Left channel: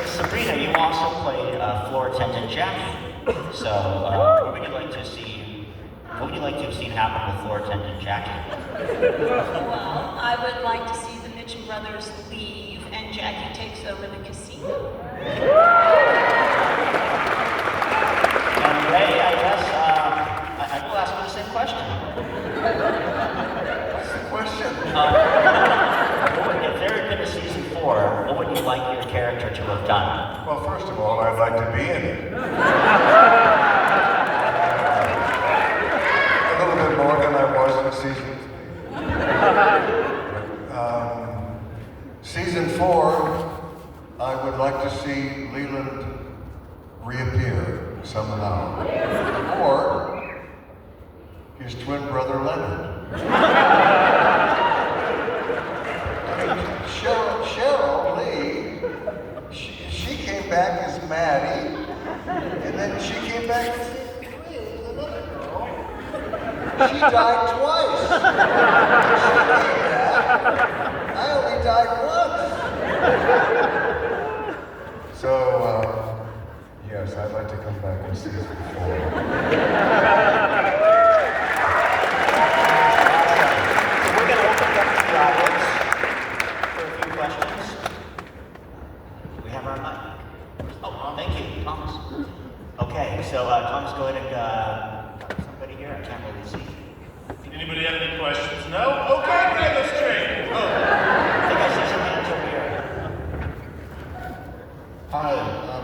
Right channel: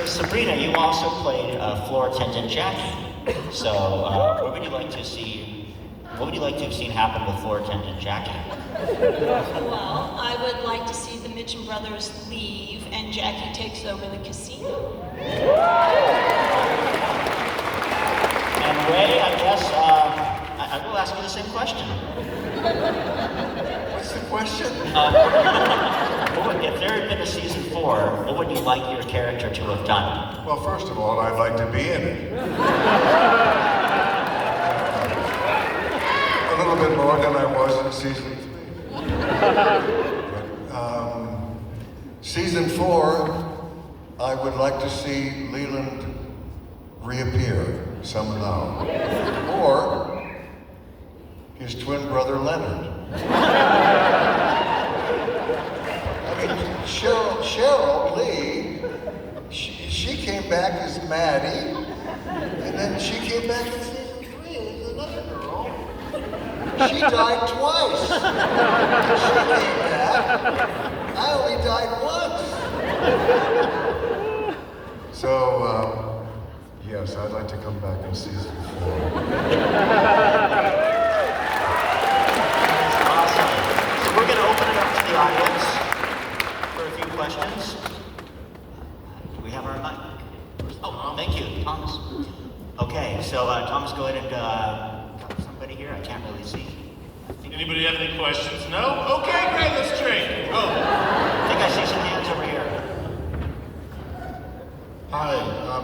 So Sabrina, you also played floor attendant Jackie. So what would you like to see? What would you like to have seen happen with floor attendant Jackie? Well, I would like to see the Mitchum brothers leave and Jackie takes over the casino. And Ray, I guess I will ask you the same question. What's the question? If there had been a season 4, what would you like your character to have done? Well, first of all, I'd like to be in it. A little bit more than I was in season 3. Season 4, I would like to see Leland reappear somehow. Or his twin brother Leonard. Cheryl Lee, she came back as Maddie, and then she came back as, wait, another girl. She died twice. She came back. I only died once. So, yes, I'd like to come back in season 4. We're going to open it up to the audience for a few questions. Do we have our mic? Oh, thank you, Thomas. Okay, so Thomas, go ahead and somebody here. I can't really see. Anybody have any questions? No? Okay, great, let's trade. I think I see some hands over here. Hi,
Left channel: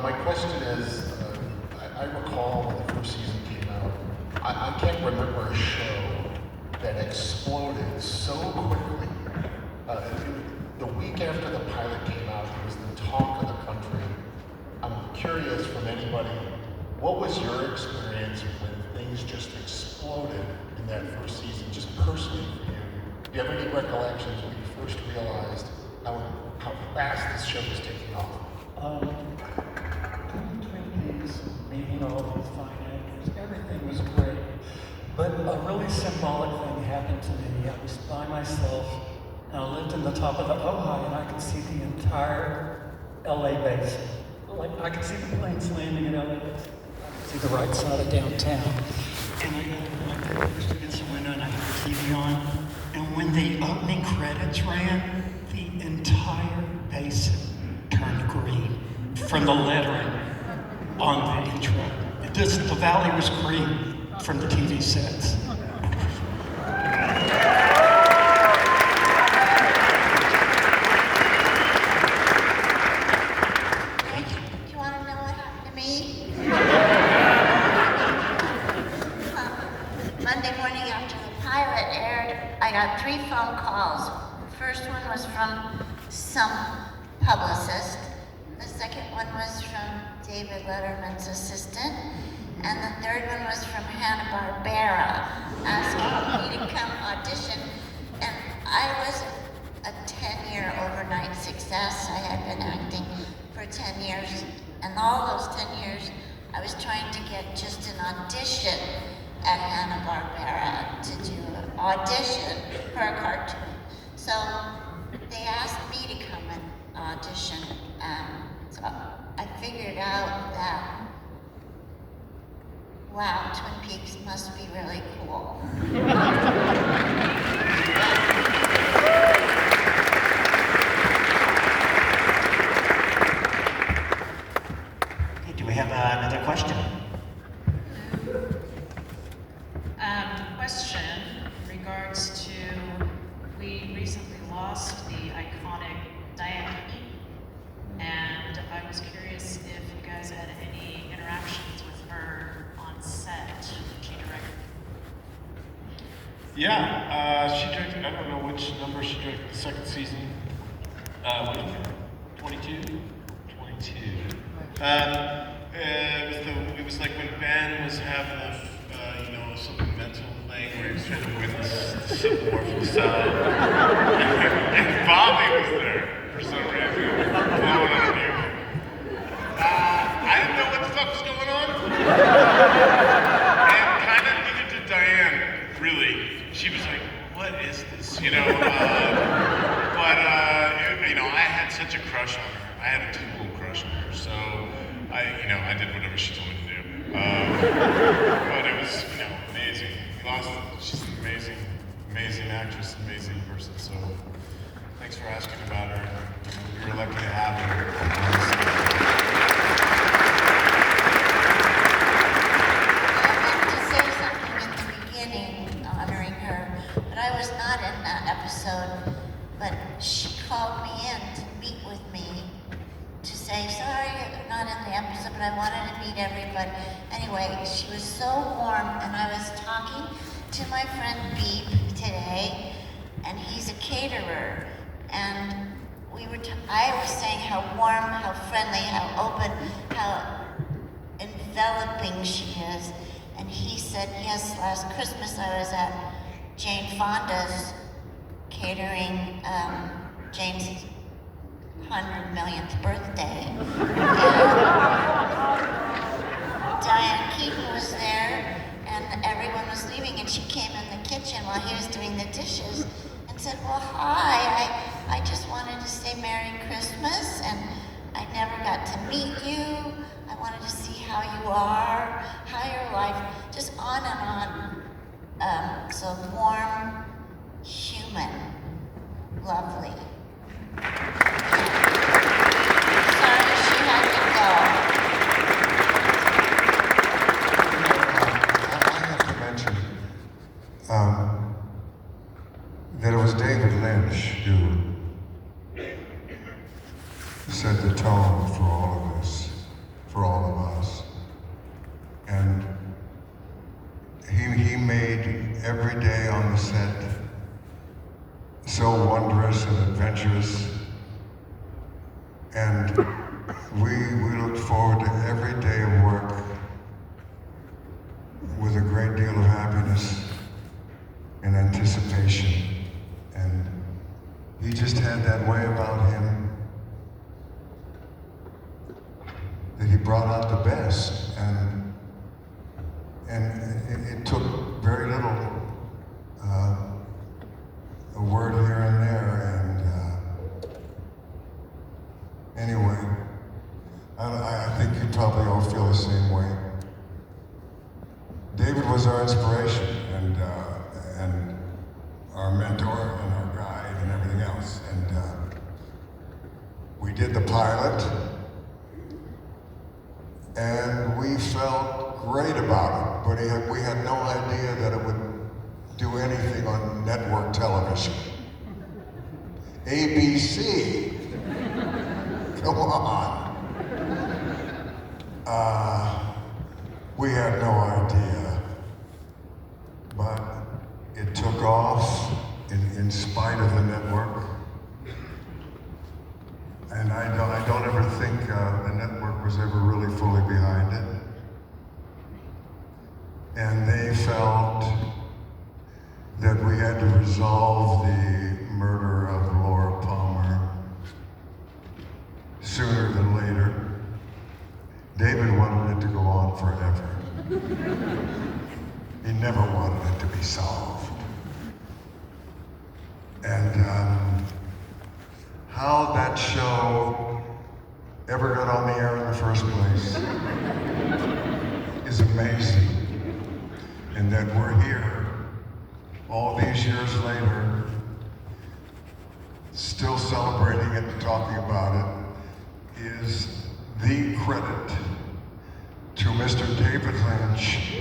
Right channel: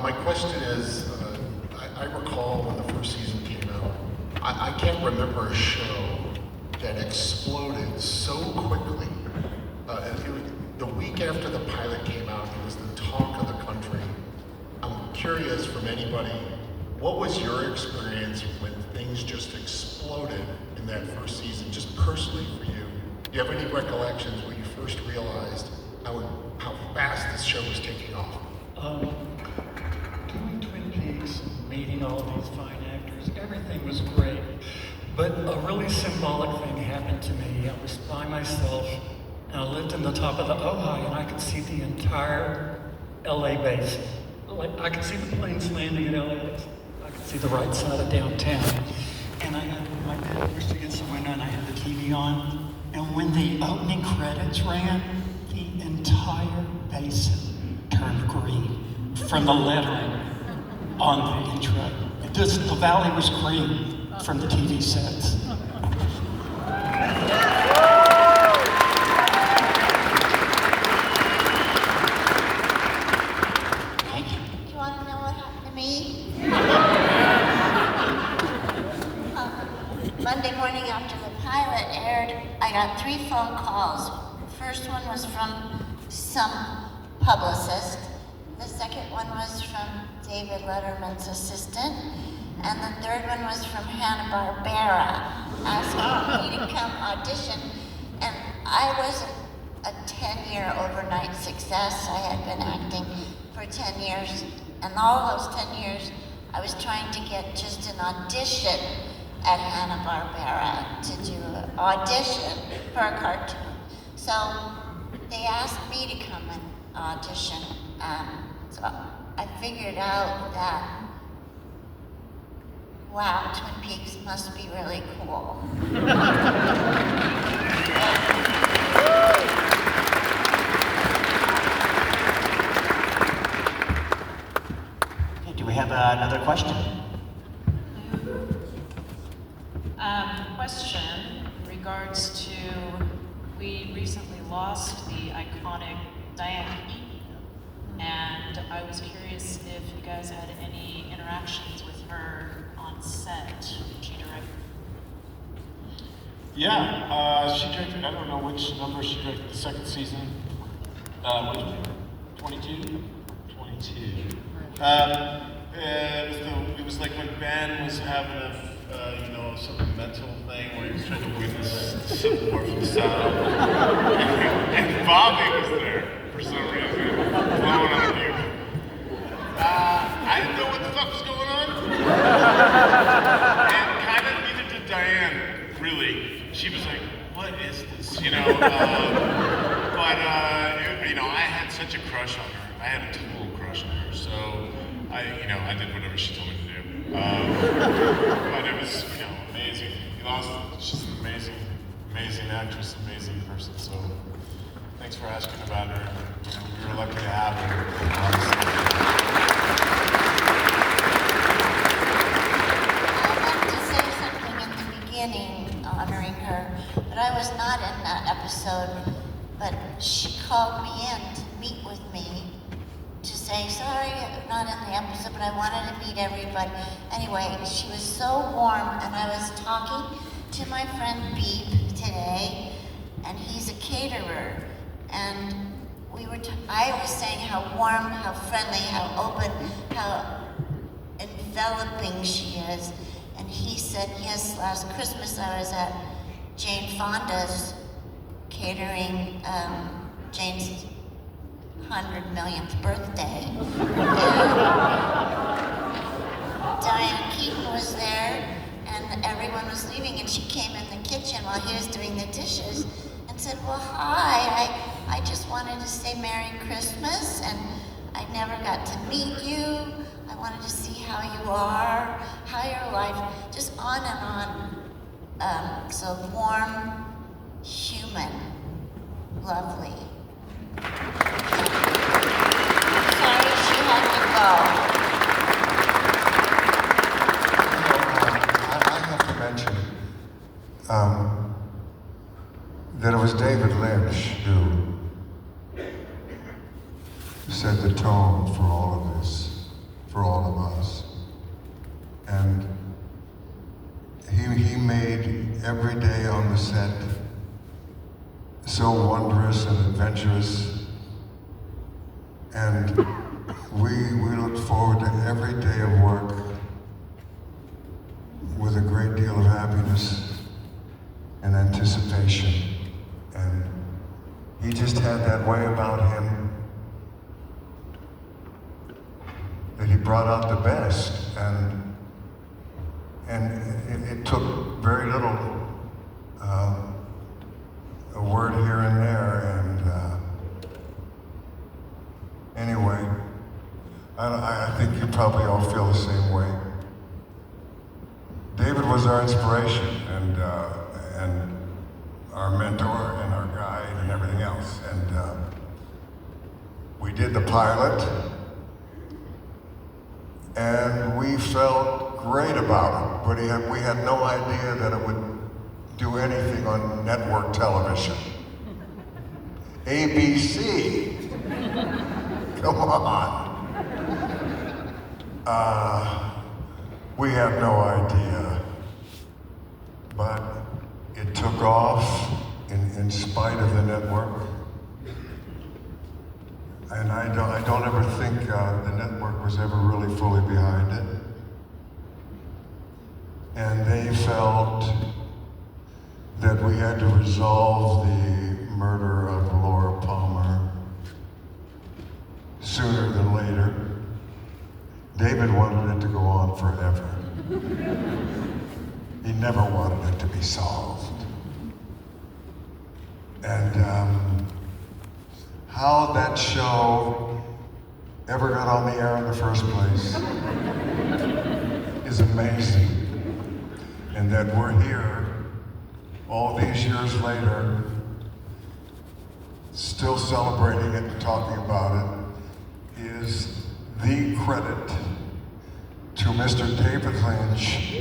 my question is, I recall when the first season came out, I can't remember a show that exploded so quickly. The week after the pilot came out, it was the talk of the country. I'm curious from anybody, what was your experience when things just exploded in that first season, just personally for you? Do you have any recollections when you first realized how fast this show was taking off? Doing Twin Peaks, meeting all these fine actors, everything was great. But a really symbolic thing happened to me. I was by myself, and I lived in the top of the Ojai, and I could see the entire LA basin. Like, I could see the planes landing in LAX. I could see the right side of downtown. And I got my papers to get someone, and I had the TV on. And when the opening credits ran, the entire basin turned green from the lettering on the intro. The valley was green from the TV sets. Monday morning after the pilot aired, I got 3 phone calls. The first one was from some publicist. The second one was from David Letterman's assistant. And the third one was from Hanna-Barbera, asking me to come audition. And I was a 10-year overnight success. I had been acting for 10 years. And all those 10 years, I was trying to get just an audition at Hanna-Barbera to do an audition for a cartoon. So they asked me to come and audition. So I figured out that, wow, Twin Peaks must be really cool. Okay, do we have another question? Question in regards to, we recently lost the iconic Diane, and I was curious if you guys had any interactions with her on set, catering. Yeah, she directed, I don't know which number she directed the second season. 22? 22. It was like when Ben was having a, some mental thing where he was trying to win the Civil War from the South. And Bobby was there for some reason. I didn't know what the fuck was going on. And kind of neither did Diane, really. She was like, what is this, But, I had such a crush on her. I had a total crush questionnaire. So I did whatever she told me to do. But it was, amazing. She's an amazing, amazing actress, amazing person. So thanks for asking about her. We were lucky to have her. Honoring her, but I was not in that episode. But she called me in to meet with me to say, sorry, I'm not in the episode, but I wanted to meet everybody. Anyway, she was so warm, and I was talking to my friend Beep today, and he's a caterer, and I was saying how warm, how friendly, how open, how enveloping she is. And he said, yes, last Christmas I was at Jane Fonda's catering Jane's 100 millionth birthday. Diane Keaton was there, and everyone was leaving, and she came in the kitchen while he was doing the dishes and said, well, hi, I just wanted to say Merry Christmas, and I never got to meet you. I wanted to see how you are, how your life, just on and on. So warm, human, lovely. Sorry she had to go. I have to mention that it was David Lynch who set the tone for all of this, for all of us. And he made every day on the set so wondrous and adventurous. And we look forward to every day of work with a great deal of happiness and anticipation. And he just had that way about him that he brought out the best. And it took very little, a word here and there, and anyway, I think you probably all feel the same way. David was our inspiration, and our mentor, and our guide, and everything else, and we did the pilot, and we felt great about it, but we had no idea that it would do anything on network television. ABC, come on. We had no idea, but it took off in spite of the network. And I don't ever think the network was ever really fully behind it. And they felt that we had to resolve the murder of Laura Palmer sooner than later. David wanted it to go on forever. He never wanted it to be solved. And how that show ever got on the air in the first place is amazing. And that we're here all these years later, still celebrating it and talking about it, is the credit to Mr. David Lynch